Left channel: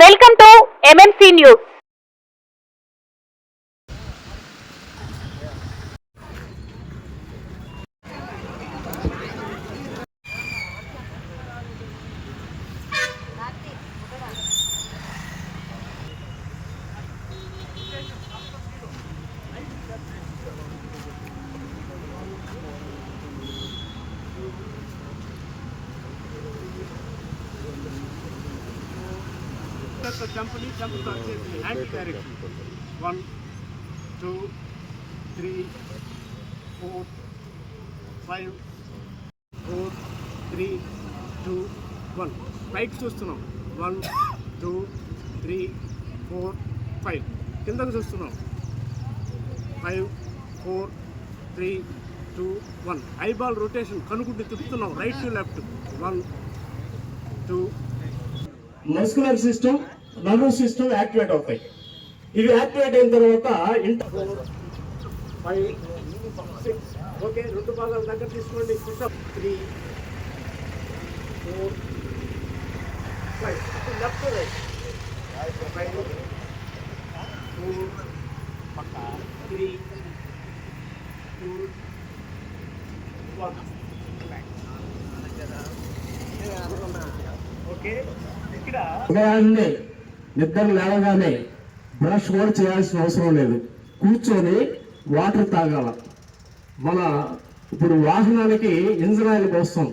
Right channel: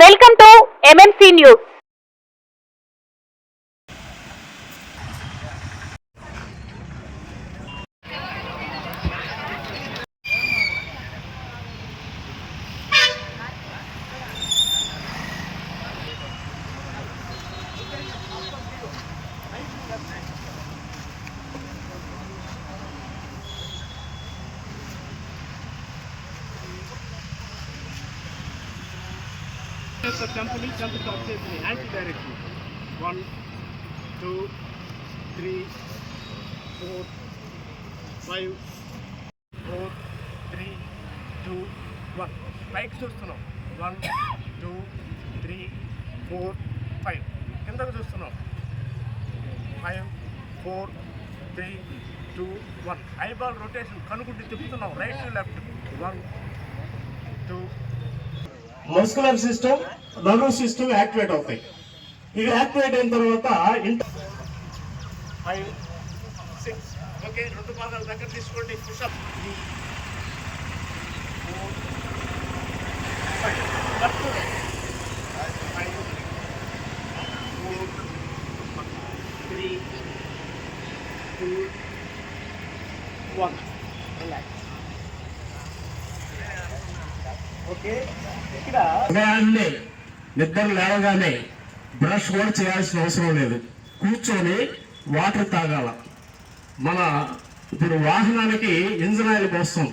Welcome to MMC news. Jump anti-direction. 1, 2, 3, 4, 5, 4, 3, 2, 1. పైకి చూస్తున్నాం. 1, 2, 3, 4, 5. కిందకు చూస్తున్నాం. 5, 4, 3, 2, 1. ఐబాల్ రొటేషన్ కనుకుంటే తిప్పుతున్నాం. Right to left. 1, 2. Muscular system, nervous system activate అవుతాయి. ఇవి యాక్టివేట్ అయిన తర్వాత 4, 5, 6. ఓకే, రెండు పాదాలు దగ్గర తీసుకోండి. పుషప్ 3, 4, 5. Left right 5, 4, 3, 2, 1. ఉదయాన్నే నిద్ర లేవగానే బ్రష్ కూడా చేయాల్సిన అవసరం లేదు. కూర్చొని వాటర్ తాగాల. మన ఇప్పుడు వాహనానికి ఇంజిన్ ఆయిల్ పోస్తాం,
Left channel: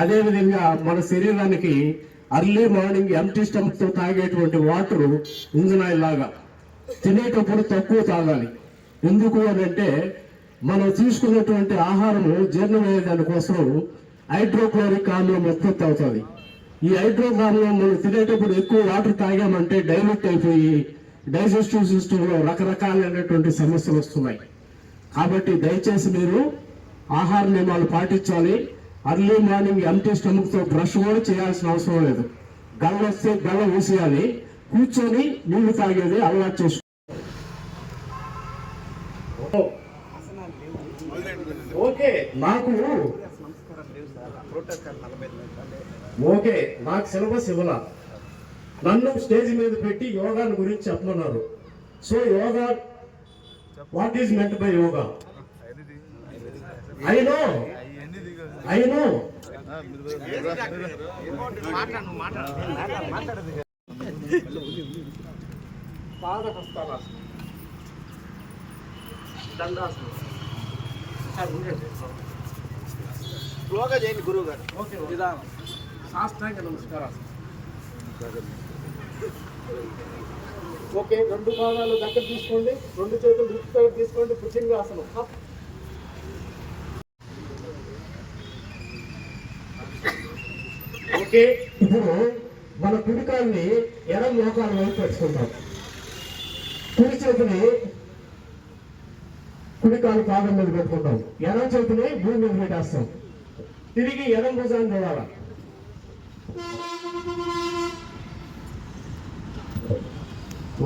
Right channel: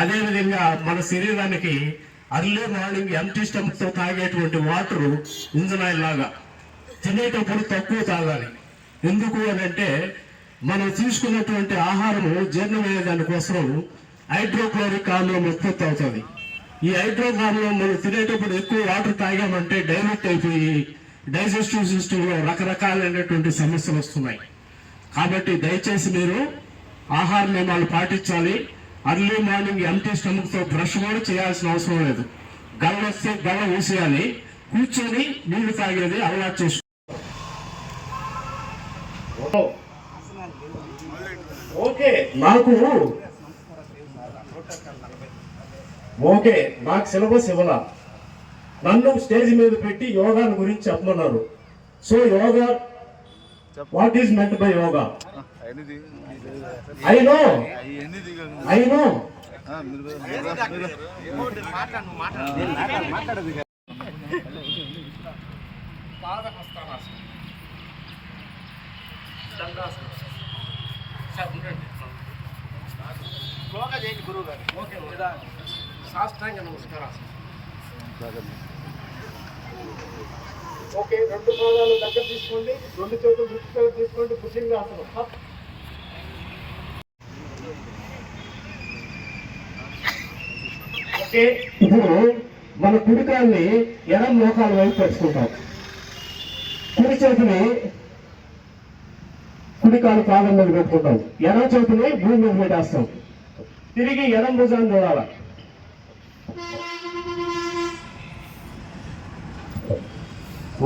అదేవిధంగా మన శరీరానికి అర్లీ మార్నింగ్ ఎంటీ స్టమక్ తో తాగేటువంటి వాటర్ ఇంజిన్ ఆయిల్ లాగా. తినేటప్పుడు తక్కువ తాగాలి. ఎందుకు అని అంటే మనం తీసుకున్నటువంటి ఆహారము జీర్ణమయ్యే దానికోసం హైడ్రోక్లోరిక్ ఆమ్లం ఉత్పత్తి అవుతుంది. ఈ హైడ్రోకార్బన్ మనం తినేటప్పుడు ఎక్కువ వాటర్ తాగామంటే డైల్యూట్ అయిపోయి డైజెస్టివ్ సిస్టమ్ లో రకరకాలైనటువంటి సమస్యలు వస్తున్నాయి. కాబట్టి దయచేసి మీరు ఆహార నియమాలు పాటించాలి. అర్లీ మార్నింగ్ ఎంటీ స్టమక్ తో బ్రష్ కూడా చేయాల్సిన అవసరం లేదు. గల్ల వస్తే గల్ల ఊసేయాలి. కూర్చొని నీళ్లు తాగేది అలవాటు చేసుకో. ఓకే, నాకు ఓకే, నాకు సిలబస్ ఇవ్వాల. నన్ను స్టేజ్ మీద పెట్టి యోగా గురించి చెప్పమన్నారు. So yoga, what is meant by yoga? I know పాదహస్తానాసనం, దండాసనం. యోగా చేయండి గురువు గారు. ఓకే, సాష్టాంగ నమస్కారాసనం. ఓకే, రెండు పాదాలు దగ్గర తీసుకోండి. రెండు చేతులు రిక్తో తీసుకోండి. భుజంగాసనం. ఓకే, ఇప్పుడు మన కుడికాల్ని ఎడం మోకాల వైపు పెట్టుకుంటాం. కుడి చేతిని కుడికాలు పాదం మీద పెట్టుకుంటాం. ఎడం చేతిని భూమి మీద పెట్టేస్తాం. తిరిగి ఎడం భుజాన్ని చూడాలి.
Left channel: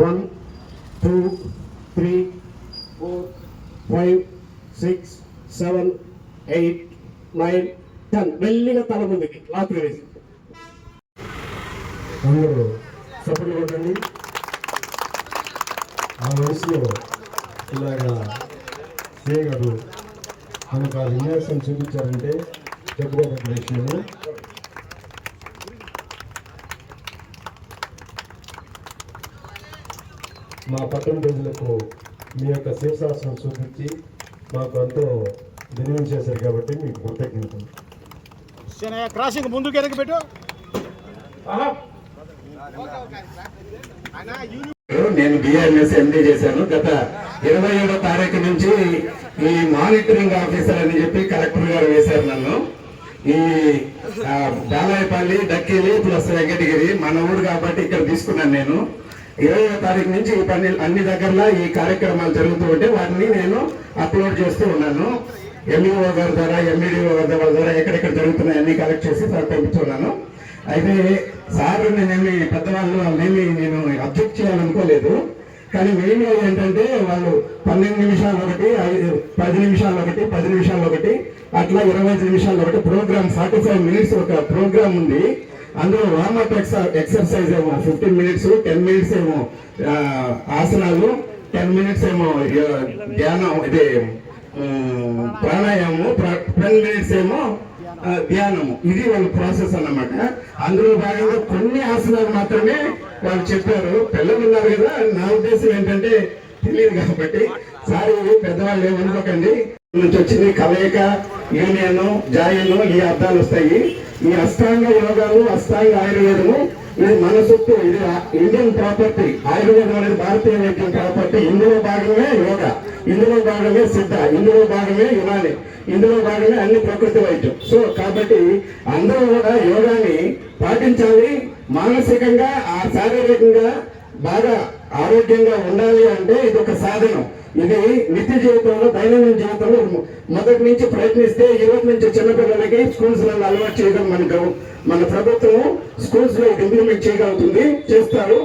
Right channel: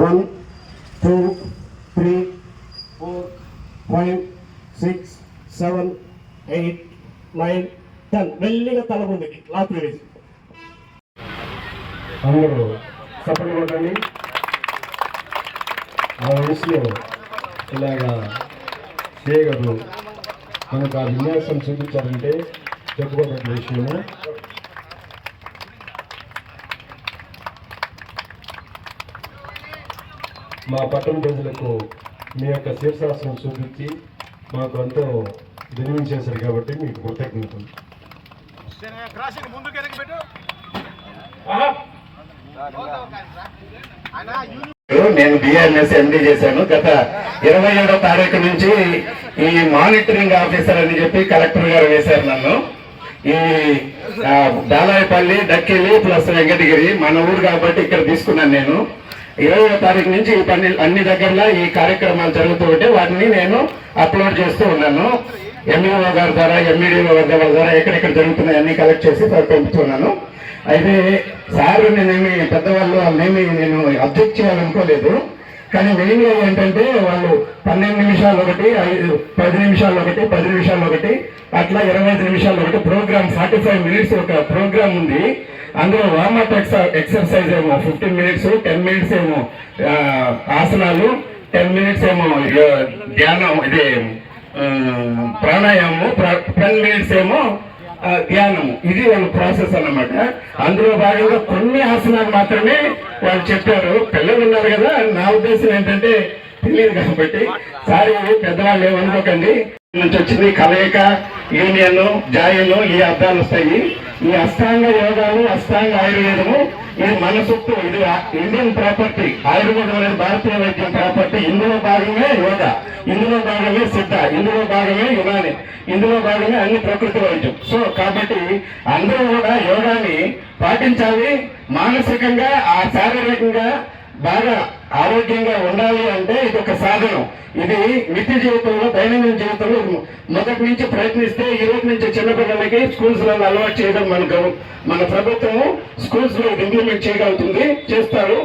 1, 2, 3, 4, 5, 6, 7, 8, 9, 10. మెల్లిగా తల ముందుకి లాక్ వేసి అందరూ సపోర్ట్ కొట్టండి. ఆ వయసులో ఇలాగా చేయగలరు. మనకు ఆ విన్యాసం చూపించారంటే చెప్పుకోవడం విషయము. మా పట్టణ ప్రజలకు మీ యొక్క శీర్షాసనం చూపించి మాకు ఎంతో దినం చేశారు కాబట్టి మీకు కృతజ్ఞతలు. క్రాసింగ్ ముందుకు వెనక్కి పెట్టు. నేను బిఆర్ఎస్ ఎండీ చేశాను. గత 27వ తారీఖు నుంచి ఈ మానిటరింగ్ ఆఫీసర్ అని చెప్పి కలెక్టర్ గారు వేశారు నన్ను. ఈ దాలాయపల్లి, డక్కిలి ప్లస్ వెంకటగిరి మన ఊరు కాబట్టి ఇక్కడ తీసుకున్నాను. నేను 20వ తారీఖు నుంచి ఈ పని అన్ని దగ్గరలో ఈ కార్యక్రమాలు జరుగుతూ ఉంటే వాటిని నేను అప్లోడ్ చేస్తూ ఉన్నాను. ఎంఈఓ గారి ద్వారా, ఎంఈడిఓ గారి ద్వారా ఎక్కడెక్కడ జరుగుతున్నాయి అన్ని కలెక్ట్ చేసి పంపుతున్నాను. అయితే సార్ నేనేమి పెద్దవాళ్ళు వాళ్ళేమి నేను అబ్జెక్ట్ చేయాలనుకోలేదు. కానీ మెయిన్గా ఏంటంటే వాళ్ళు 12 నిమిషాలు ఒకటి, 10 నిమిషాలు ఒకటి, 10 నిమిషాలు ఒకటి, అట్లా 25 నిమిషాలు ఒకటి ప్రోగ్రామ్ 45 మినిట్స్ ఒక ప్రోగ్రామ్ ఉంది. అందులో వార్మప్ ఎక్సర్సైజ్ ఏమో 15 మినిట్స్, 10 మినిట్స్ ఏమో ఆసనాలు, 10 మినిట్స్ ఏమో ధ్యానం, ఇది ప్రాణాయామము, 10 మినిట్స్ ఏమో ధ్యానము. ఇది వాళ్ళ ప్రాసెస్ అన్నమాట. అందులో భాగంగా కొన్ని ఆసనాలు మాత్రమే వాళ్ళు చెప్పారు. పిల్లలు ఉన్నారు కదా, నా ఉద్దేశం ఏంటంటే తెలియదు కాబట్టి సారీ పెద్దవాళ్ళు ఏమనుకోకండి. నుంచి వచ్చింది కలయిక, యూనియన్, జాయన్, ఈ అర్థాలు వస్తాయి. ఈ అష్టాంగ యోగాలు, అష్టాంగ ఆయుర్వేదము ఇది మన సొత్తు, ఇది ఇండియన్ ప్రాపర్టీ. ఆయుర్వేదం అనేది భారతీయ వైద్యం ప్రాపర్టీ. ఇందులో భాగమే యోగా, ఇందులో భాగమే సిద్ధ, ఇందులో భాగమే యునాని, ఇందులో భాగమే అన్ని ప్రకృతి వైద్యం. సో కాబట్టి అందరూ కూడా యోగాని పాటించాలి. మానసికంగా శారీరకంగా బాగా ఆరోగ్యంగా ఉండాలి అంటే ఇది ఒక సాధనం. ఇది నిత్య జీవితంలో, దైనందిన జీవితంలో మొదటి నుంచి ప్రయత్నిస్తే ఈ రోజు నుంచి చిన్నపిల్లలకి స్కూల్స్ లో అలవాటు చేయడం మన ప్రభుత్వం స్కూల్స్ లో ఇది ఇంప్లిమెంట్ చేయగలుగుతుంది, చేస్తారు.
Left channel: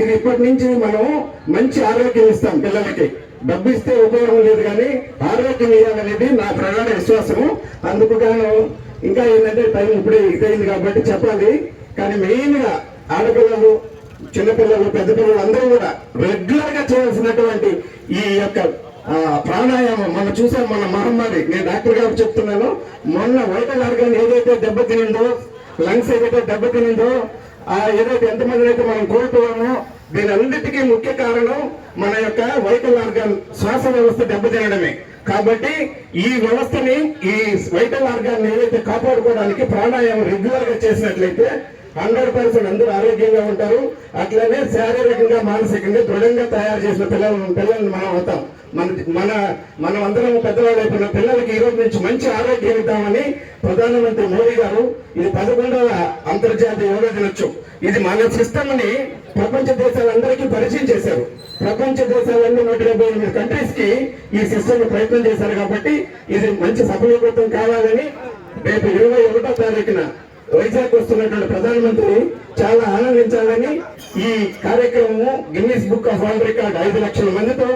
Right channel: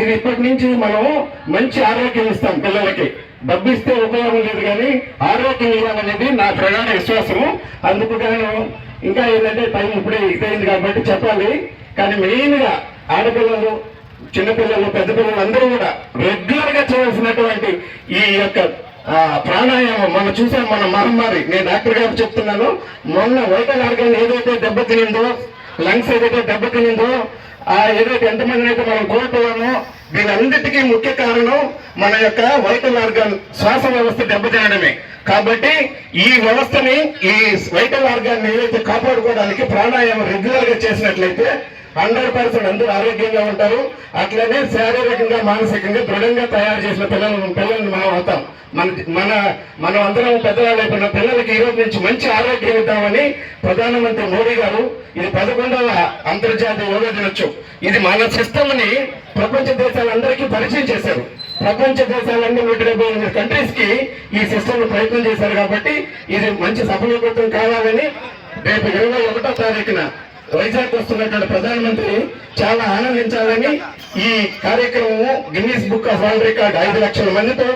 ఇది ఇప్పటి నుంచి మనం మంచి ఆరోగ్యం ఇస్తాం పిల్లలకి. డబ్బు ఇస్తే ఉపయోగం లేదు కానీ ఆరోగ్యం ఇవ్వాలనేది నా ప్రగాఢ విశ్వాసము. అందుకు గాను ఇంకా ఏంటంటే టైం ఇప్పుడే ఇదైంది కాబట్టి చెప్పాలి. కానీ మెయిన్ గా ఆడపిల్లలు, చిన్నపిల్లలు, పెద్ద పిల్లలు అందరూ కూడా రెగ్యులర్ గా చేయాల్సినటువంటి ఈ యొక్క ప్రాణాయామం. మనం చూసాం మన మహమ్మారి. నేను డాక్టర్ గారు చెప్తున్నాను, మొన్న వైటల్ ఆర్గాన్ ఏదైతే దెబ్బతినిందో, లంగ్స్ ఏదైతే దెబ్బతినిందో, ఏదైతే ఎంతమందిని అయితే మనం కోల్పోయామో, దీని అన్నిటికీ ముఖ్య కారణం మన యొక్క వైటల్ ఆర్గాన్, శ్వాస వ్యవస్థ దెబ్బతినడమే. కాబట్టి ఈ వ్యవస్థని, ఈ వైటల్ ఆర్గాన్ ఏదైతే కాపాడుకోవడానికి ప్రాణాయామం రెగ్యులర్ గా చేసినట్లయితే 100% అందరూ ఆరోగ్యంగా ఉంటారు. అట్లనే శారీరకంగా, మానసికంగా దృఢంగా తయారు చేసిన పిల్లల్ని మనం అవుతాం. మనం అందరం పెద్దవాళ్ళు అయిపోయిన పిల్లలకి ఈ రోజు నుంచి మంచి ఆరోగ్యం ఇద్దామని ప్రధానమంత్రి మోడీ గారు ఇది 11వ అంతర్జాతీయ యోగా దినోత్సవం. ఇది మన సిస్టమ్ ని ప్రపంచ దేశాలందరికీ పరిచయం చేశారు. ప్రపంచ దేశాలన్నీ 178 కంట్రీస్ కి ఈ సిస్టమ్ ప్రయత్నం చేశారు. కాబట్టి ఇది మంచి సఫలీకృతం కావాలని రేపు 21వ తారీఖున వైజాగ్ వస్తున్నటువంటి ప్రధానమంత్రి చాలా ఆనందించాలని ఈ కార్యక్రమము Guinness book of world record 5 లక్షల మందితో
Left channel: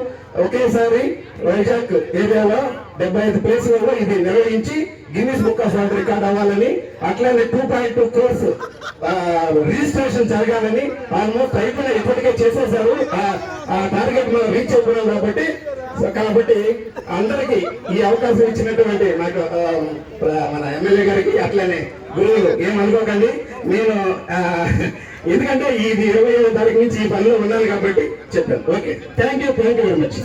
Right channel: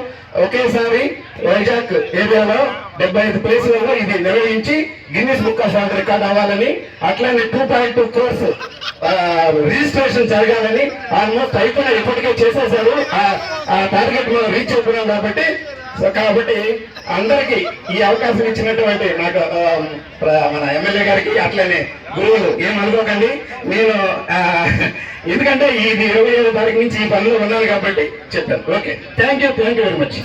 ఒకేసారి వైజాగ్ ఏరియాలో 75 ప్లేసులలో ఇది నిర్వహించి Guinness book of world record అవ్వాలని, అట్లానే 2.2 crores రిజిస్ట్రేషన్ జరగాలని ఆల్మోస్ట్ అయిపోయినా ఇప్పటికే చేసేసారు. ఆ టార్గెట్ మనం రీచ్ అవుతున్నాం కాబట్టి అందరికి ఈ అవకాశం ఇచ్చినటువంటి నాకు మన ఎమ్మెల్యే గారికి, అట్లనే గురువులు ఏమనుకోకండి. నేను ఎందుకంటే ఇది 27వ తారీఖు నుంచి ఈ పనిలో ఉన్నాను కాబట్టి చెప్పాను. Okay, thank you very much.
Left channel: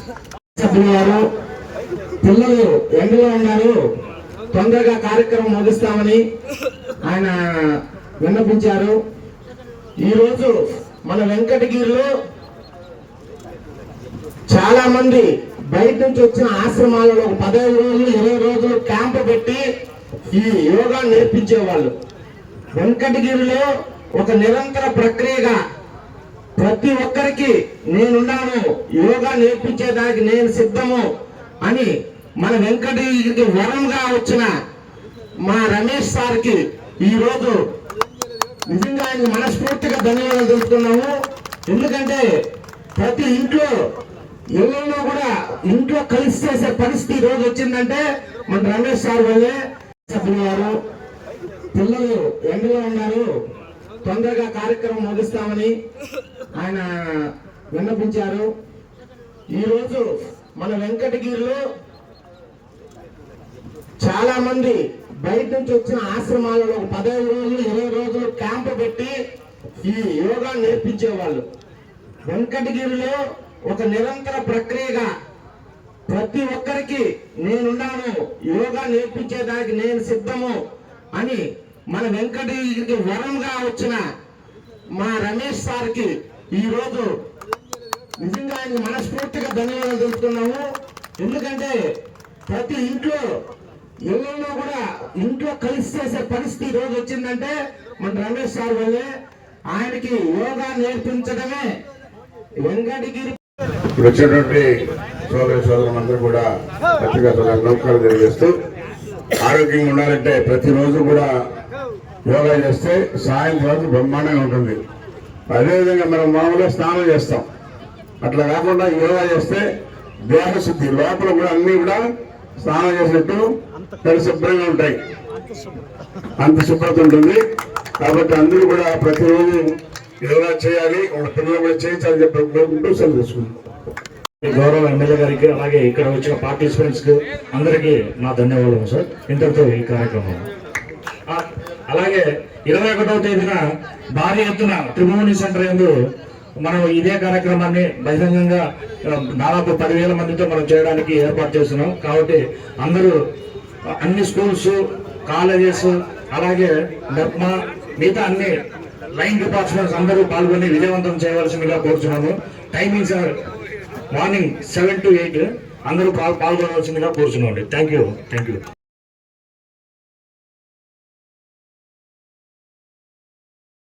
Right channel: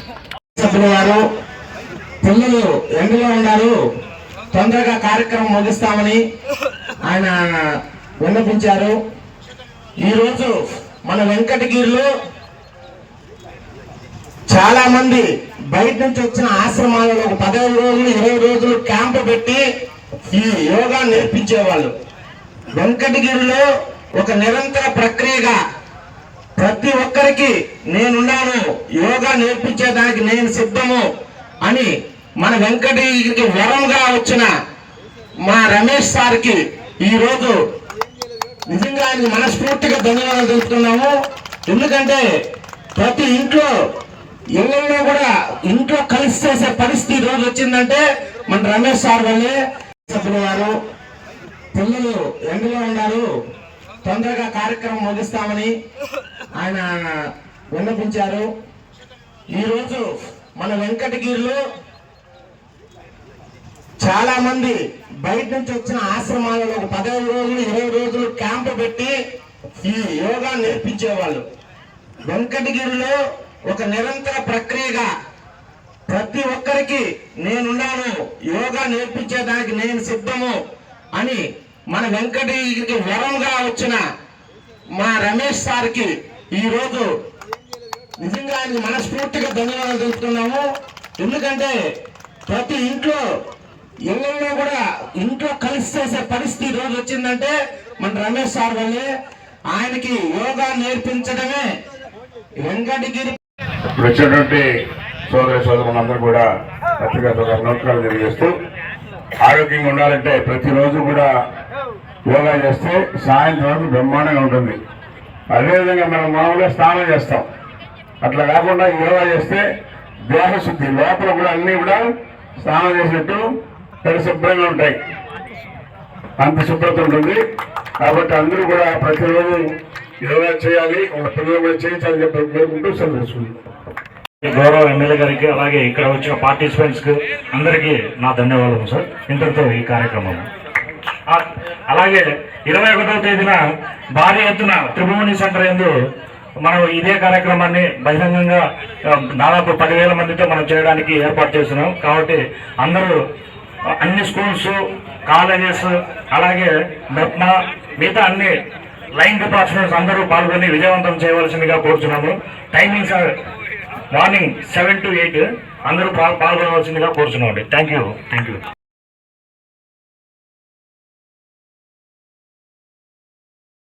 సభ్యులు గారు, పిల్లలు ఎండలో ఉన్నారు, తొందరగా కార్యక్రమం ముగిస్తామని ఆయన విన్నపించారు. ఈరోజు మన వెంకటగిరిలో చాలా మంది బయట నుంచి వచ్చిన ఆశ్రమాలలో ఒక 15 రోజులు 20 రోజులు క్యాంపు పెట్టి ఈ యోగా నేర్పించేవాళ్ళు. వెంకటగిరిలో ఒక నిరంతర ప్రక్రియగా ప్రతి ఒక్కరికి నేనున్నాను, యోగా నేర్పించేదానికి నేను సిద్ధము అని మన వెంకటగిరికి వరంగా వచ్చిన మా రమేష్ సార్కి ఈరోజు నిజంగా ఆయనకి మనస్ఫూర్తిగా ధన్యవాదాలు తెలుపుతున్నాము. ఎందుకంటే ప్రతి ఇళ్ళలో కూడా ఇంట్లో కలిసి చేసే పరిస్థితి రోజు వచ్చిందంటే మన రమేష్ సార్ వల్లే. సభ్యులు గారు, పిల్లలు ఎండలో ఉన్నారు, తొందరగా కార్యక్రమం ముగిస్తామని ఆయన విన్నపించారు. ఈరోజు మన వెంకటగిరిలో చాలా మంది బయట నుంచి వచ్చిన ఆశ్రమాలలో ఒక 15 రోజులు 20 రోజులు క్యాంపు పెట్టి ఈ యోగా నేర్పించేవాళ్ళు. వెంకటగిరిలో ఒక నిరంతర ప్రక్రియగా ప్రతి ఒక్కరికి నేనున్నాను, యోగా నేర్పించేదానికి నేను సిద్ధము అని మన వెంకటగిరికి వరంగా వచ్చిన మా రమేష్ సార్కి ఈరోజు నిజంగా ఆయనకి మనస్ఫూర్తిగా ధన్యవాదాలు తెలుపుతున్నాము. ఎందుకంటే ప్రతి ఇళ్ళలో కూడా ఇంట్లో కలిసి చేసే పరిస్థితి రోజు వచ్చిందంటే మన రమేష్ సార్ వల్లే. ఆయనకి యోగా నేర్పించడమే వెంకటగిరి. వచ్చినటువంటి సోదరులందరూ కూడా పత్రికా నమస్కారాలు తెలియజేస్తూ, ఆరోగ్యంగా ఉండాలంటే ప్రతిరోజు కూడా యోగా చేస్తే సాయంత్రం వరకు బ్రహ్మాండంగా ఉంటుంది. అదేవిధంగా మనం మామూలుగా స్నానం చేస్తాం, అట్లా కాకుండా యోగా చేస్తే దేహశుద్ధి, లోపల కూడా అన్ని కూడా స్నానం చేసినట్టు పరిశుభ్రంగా ఉంటాయి, అంత శుభ్రత ఉంటుంది. కాబట్టి అందరూ కూడా ప్రతిరోజు యోగా చేయాలి, వాళ్ళ పిల్లలు కూడా చేయించాలని చెప్పి కోరుకుంటూ సెలవు తీసుకుంటాం. గౌరవ ఎమ్మెల్యే గారికి అలాగే ఇక్కడ వచ్చిన పార్టిసిపెంట్స్ కి అందరికీ నా ధన్యవాదాలు సార్. ఇంతటితో ఈ కార్యక్రమం. అలాగే 21వ తేదీన భారీ ఎత్తున త్రిభువని సెంటర్ యందు మనం ఇదే కార్యక్రమాన్ని బహిరంగంగా దాదాపు 10,000 మందితో మనం చేయడానికి ఏర్పాటు చేస్తున్నాం. కాబట్టి అందరూ అన్ని స్కూల్స్, కాలేజెస్, అలాగే మెప్మా, మిగతా అన్ని లైన్ డిపార్ట్మెంట్స్ అందరూ పాల్గొని విజయవంతం చేయవలసిందిగా కోరుచున్నాము. టైమింగ్స్ మార్నింగ్ 7 to 8 అందరూ పాల్గొనవలసిందిగా కోరుచున్నామండి. Thank you.